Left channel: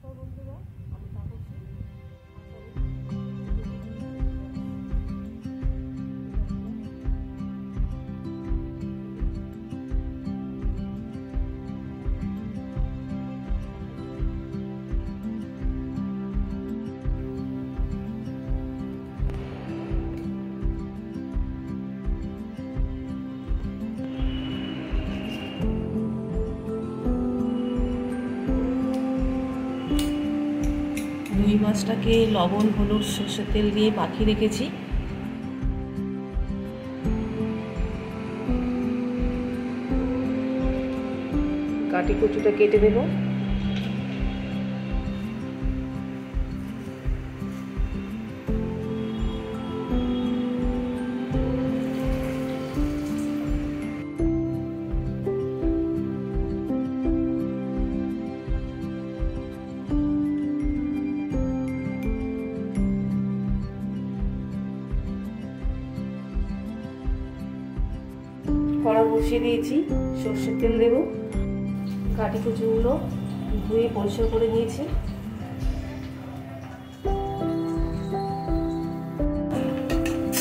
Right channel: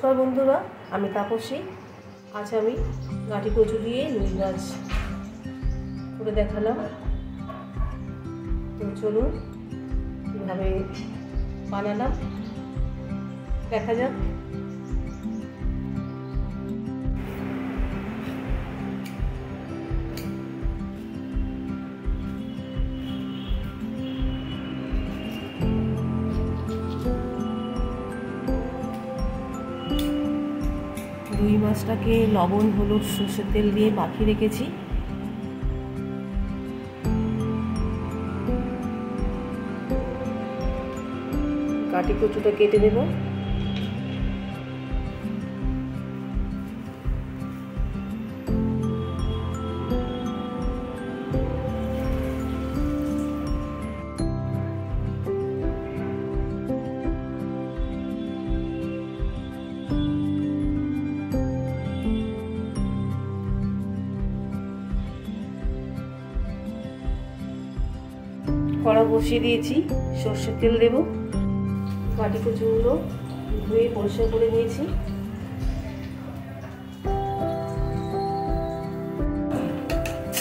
নমস্কার বন্ধুরা, আমি তাপসী। আজ আমি গাঁটি কচু দিয়ে রুই মাছ করে দেখালাম। তো চলুন কীভাবে বানালাম দেখা যাক। রুই মাছটাকে লবণ, হলুদ, সর্ষের তেল দিয়ে মাখিয়ে রেখেছি। গাঁটি কচুটা কেটে দেব। কড়া বসিয়ে দিয়েছি, সর্ষের তেল দেব। গাঁটি কচুগুলো ধুয়ে পরিষ্কার করে নিয়েছি।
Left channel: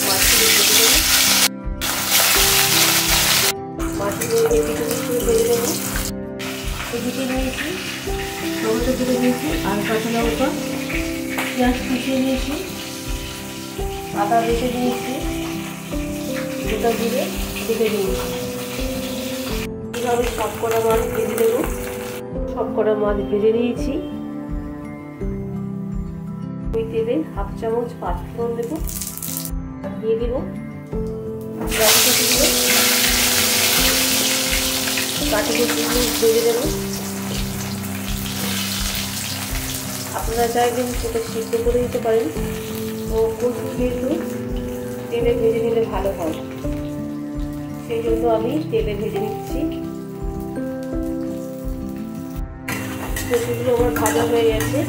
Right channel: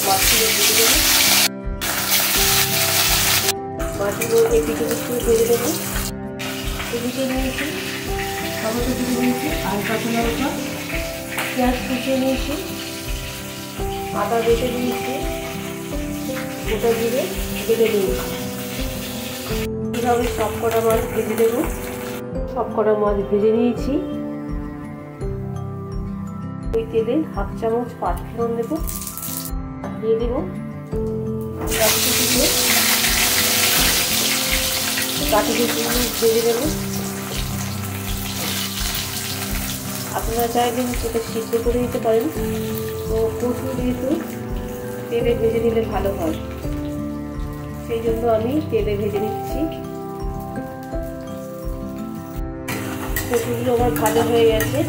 মাছগুলো ভেজে দেব। মাছগুলো এপিট ওপিট করে ভেজে দেব। এদিকে নিয়েছি টমেটো কেটে নিয়েছি, আর কাঁচা লঙ্কা, পেঁয়াজ কুচিয়ে নিয়েছি, আদা বেটে নিয়েছি, গোটা জিরে বেটে নিয়েছি। এইভাবে সবকটা মাছ ভেজে দেব। সবকটা মাছ ভেজে নিয়েছি। ওই তেলে 1/2 চামচ পাঁচফোড়ন দেব, আর দিয়ে দেব গাঁটি কচুগুলো। গাঁটি কচুগুলো ভেজে দেব। আপনারা চাইলে সেটা সিদ্ধ করে দিতে পারেন। তো কচু যেহেতু তেলে ভেজে নিলে ভালো হয়, সেই জন্য আমি তেলে ভেজে নিচ্ছি। কচুগুলো আমার ভাজা হয়ে গেছে।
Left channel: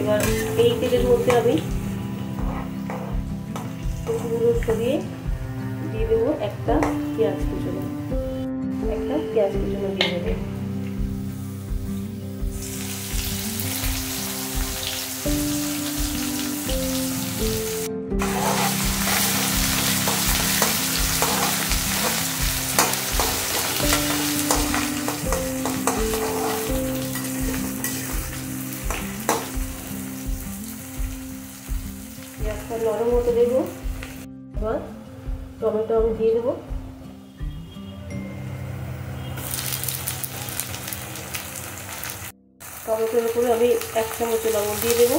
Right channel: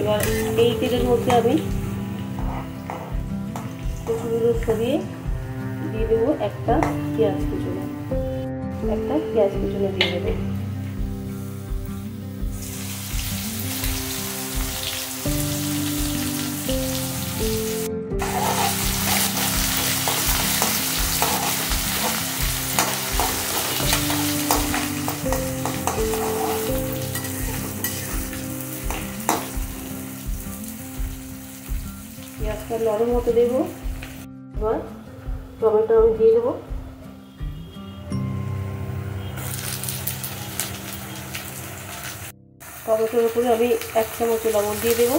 এবার এই তেলের মধ্যে আমি কচুগুলো সরিয়ে দিয়ে দেবো একটা পেঁয়াজ কুচনো। দিয়ে দেবে। পেঁয়াজটা নরম হতে দেবো। এবার টমেটো আমি দিয়ে দেবো। টমেটোর উপরে আমি 1 চামচ লবণ দিয়ে দেবো।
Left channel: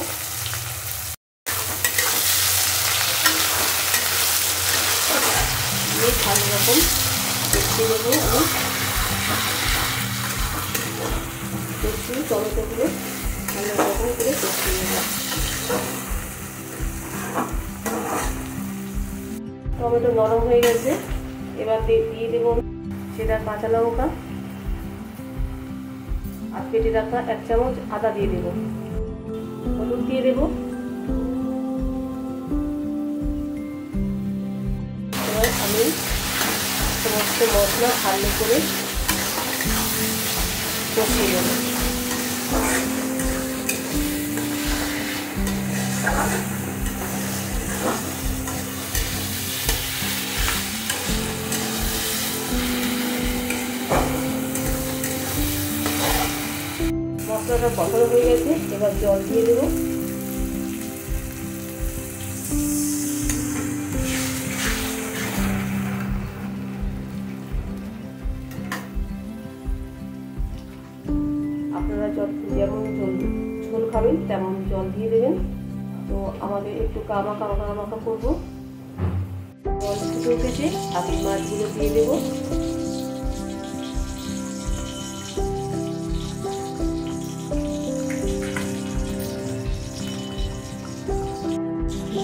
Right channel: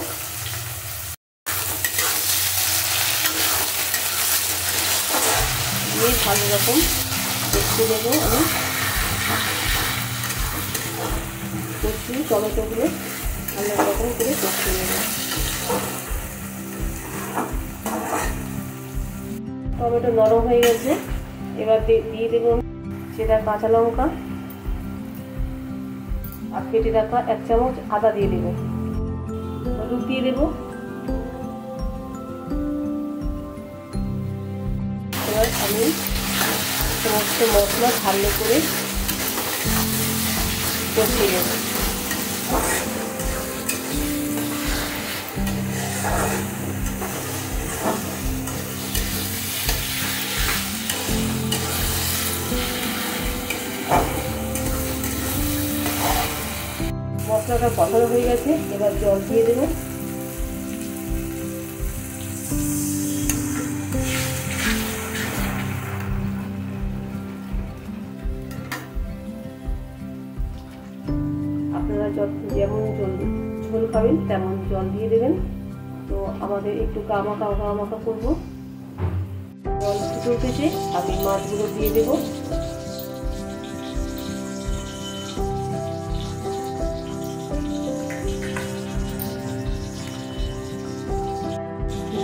দিয়ে ভালো রকম কষিয়ে দেবো। আমি টমেটোগুলো ভালো রকম করে কষিয়ে নেব। টমেটো নরম হয়ে গেছে। এবার দিয়ে দেবো সেটা কাঁচা লঙ্কা, আর কেটে রাখা 1 চামচ আদা দিয়ে দেবো। হলুদ দিয়ে দেবো। এবার আমি সমস্ত মশলা ভালো করে কষিয়ে নেব। মশলাটা কষানো হয়ে গেছে। এবার জল দিয়ে দেব। আপনারা যেমন ঝোল খাবেন তেমন জল দিয়ে দেবেন। তো আমাদের একটু কামাকা করবো। জল ফুটে উঠেছে, আমি মাছগুলো দিয়ে দেবো।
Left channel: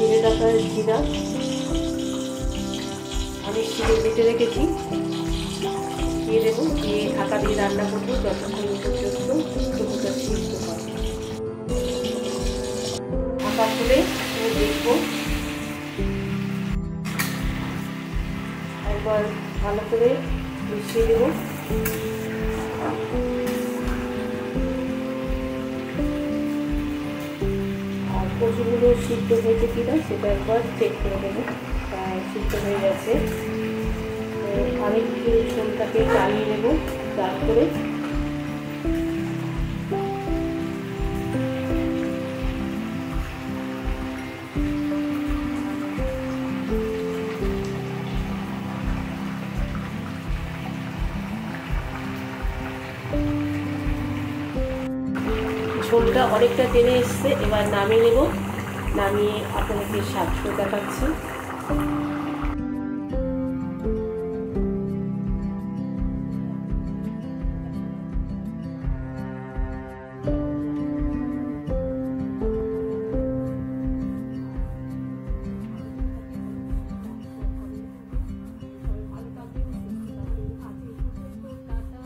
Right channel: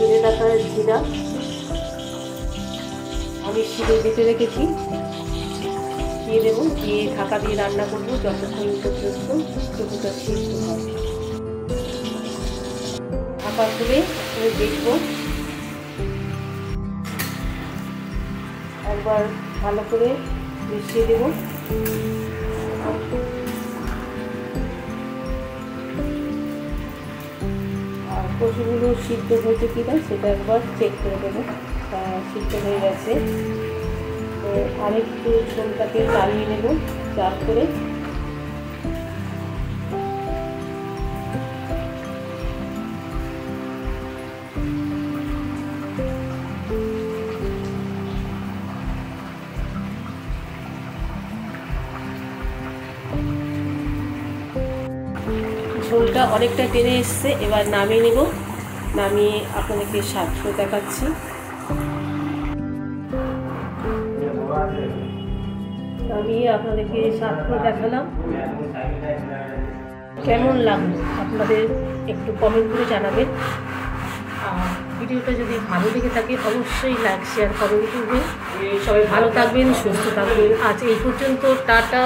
জিরে রাখা জিরা আমি শিলে বেটে রেখেছি, দিয়ে দেবো। দিয়ে ঢাকা দিয়ে রান্না করবো যতক্ষণ পর্যন্ত কচুটা সিদ্ধ হয়। ঢাকা খুলে দেখবো। একবার ভালো করে মিশিয়ে দেবো। কচুগুলো সিদ্ধ হয়েছে কিনা সেটা একবার চেক করে দেবো। সিদ্ধ হয়ে গেছে। তো আরেকটু ঝোলটাকে চালিয়ে নেব চাল করে। ঝোলটা অনেকটা টেনে এসছে, এবার নামিয়ে নেব। নামিয়ে আপনাদেরকে স্বাদ করে দেখাচ্ছি। নামিয়ে আপনাদেরকে স্বাদ করে দেখালাম। কেমন লাগলো আপনাদের একটু কমেন্ট করে জানাবেন। আর ভিডিওটা যদি ভালো লেগে থাকে অবশ্যই লাইক শেয়ার কমেন্ট করবেন। সবাই ভালো থাকবেন, সুস্থ থাকবেন। আজ এই পর্যন্ত, টাটা।